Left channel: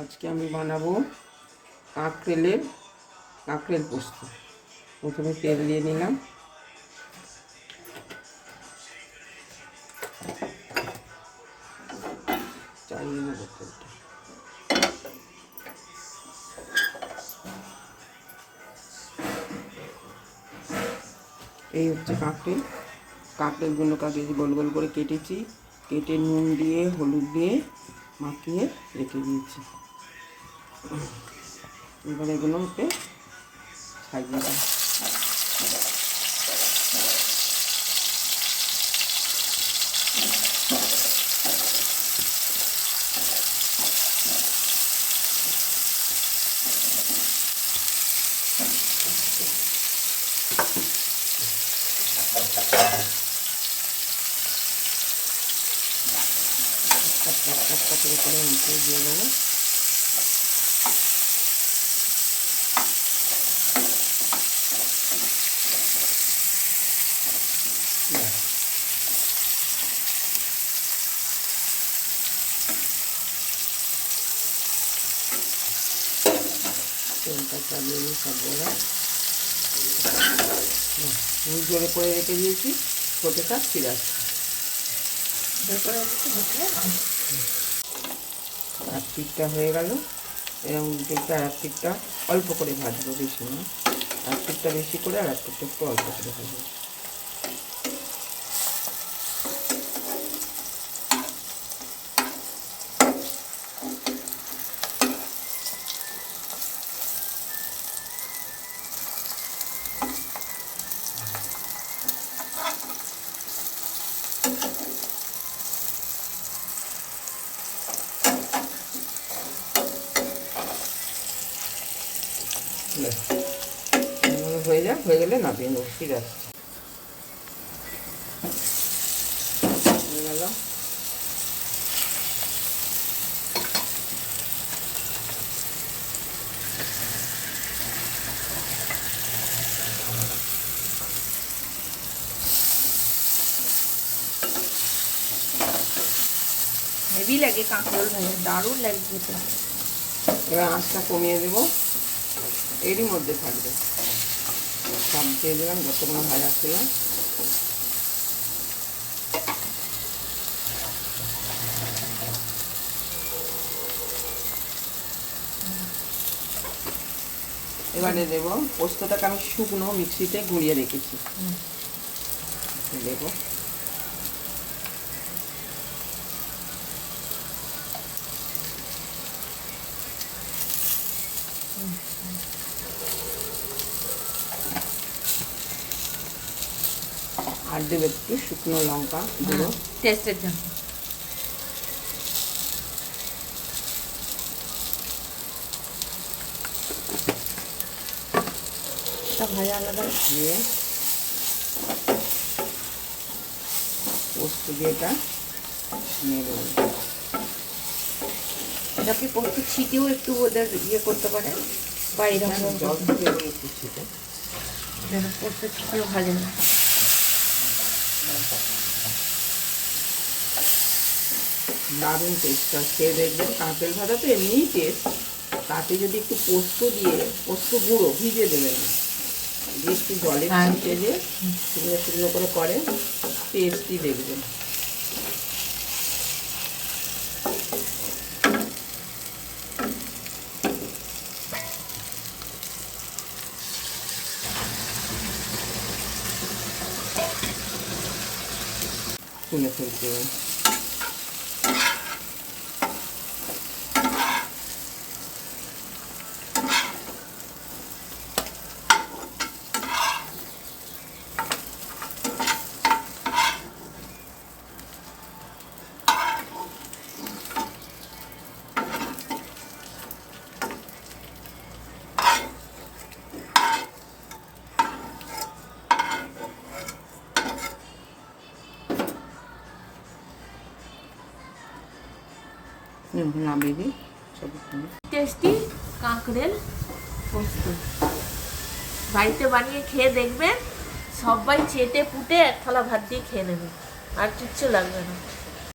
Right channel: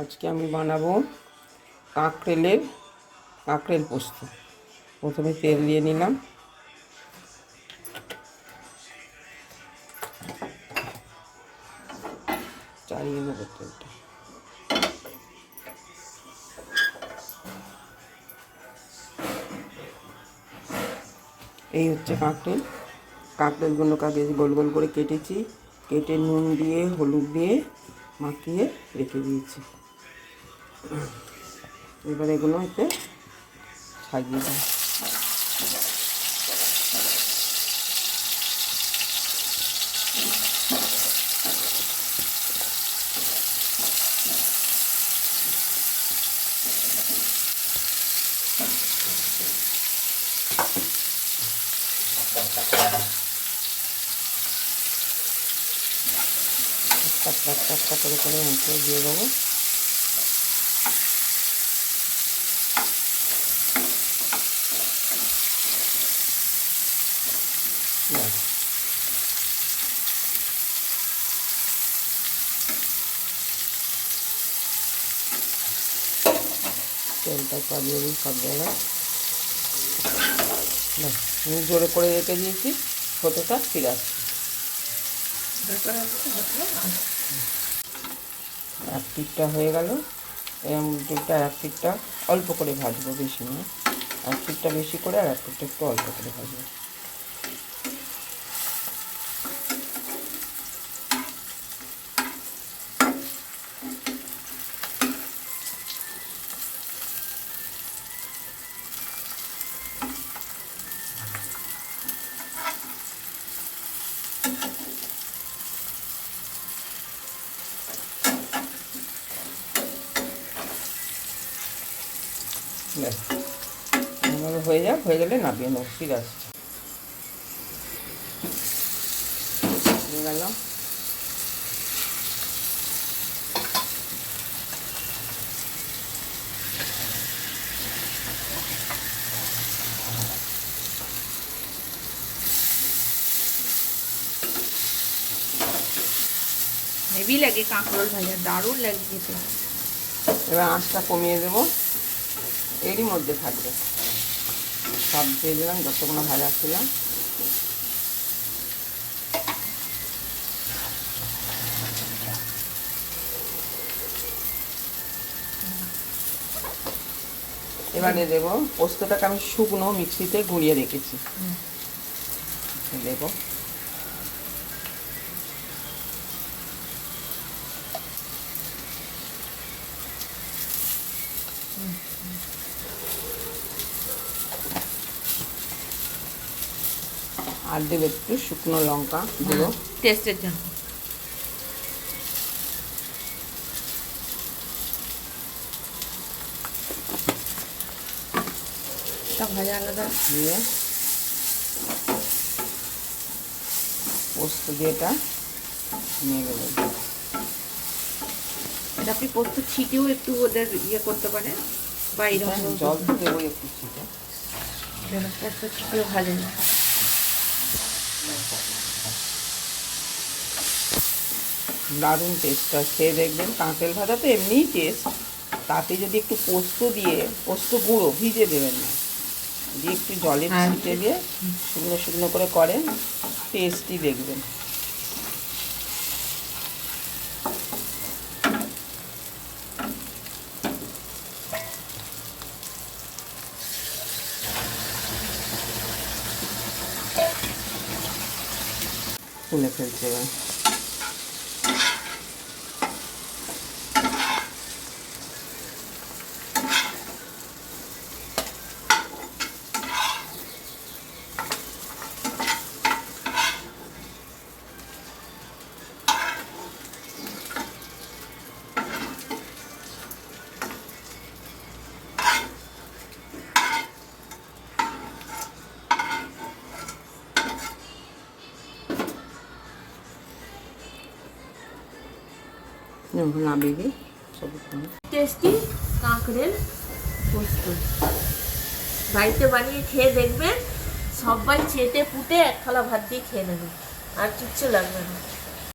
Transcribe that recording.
আজকে আমি বানাবো কাঁকরেল পোস্ত। প্রথমে তেল দিয়ে নিলাম, চালিয়ে নেবো তেলটা। এই হচ্ছে কাঁকরেলগুলোকে আগে গোল গোল করে কেটেছি, কেটে নুন দিয়ে হলুদ দিয়ে মাখিয়ে রেখে দিয়েছি। এবার এগুলোকে ছাড়িয়ে দিই। একটা করে মুখে দিয়ে দেবো। তেলটা চালিয়ে দিই সবগুলো। জোরে করে রেখে দিয়েছি, ছোটোটা ফিরে আসছে। এক পিঠটা হয়ে গেল, এরকম দিকটা এক পিঠটা অল্প করে ভাজবো, বেশি না। এক পিঠটা বেশি করে আর এক পিঠটা একটু অল্প করে ভাজবো। হয়ে গেলে নামিয়ে নেবো। ঠিক আছে, হয়ে গেল। হেভি লাগে কাঁকরোল ভাজা, দারুণ লাগে খেতে। এবার আঁচটা কমিয়ে দেবো, এরই মধ্যে থাকবে। সব দিয়ে দিলাম যতগুলো ভাজা ছিল। এবারে দেবো পোস্তটাকে আমি শুকনো মিক্সিতে গুঁড়িয়ে রেখেছি, দেবো। আর দেবো একটু শুকনো লঙ্কা গুঁড়ো, টেস্টের জন্য। ভাজা আলাদা দিয়ে পোস্ত দিয়ে এটা নিয়ে দেবো। এটা আপনি পোস্ত ছিটেও একটু ওদের ইয়ে করতে পারেন, বা এরকম জল দিয়ে একটু ছিটে যেন পোস্ত ছিটেও ভাজে না। দারুণ টেস্টটা, খেয়ে দেখবেন। কাঁকরেল ভাজা তো এমনিই টেস্ট, তাতে যদি একটু পোস্ত দিয়ে, পোস্ত গুঁড়ো ভিজে দেবেন না, দিয়ে একটু জলে ছিটে দিয়ে শুকনো শুকনো করে করেন, টেস্টি দেখবেন। তুলে ফেলতে হবে। নামিয়ে দিই সব। টেস্টি কাঁকরেল পোস্ত বাড়িতে বানিয়ে খেয়ে দেখবেন, সবাই চেটে পুটে এক থালা ভাত দিয়ে খেয়ে নেবে, আর কিচ্ছু লাগবে না।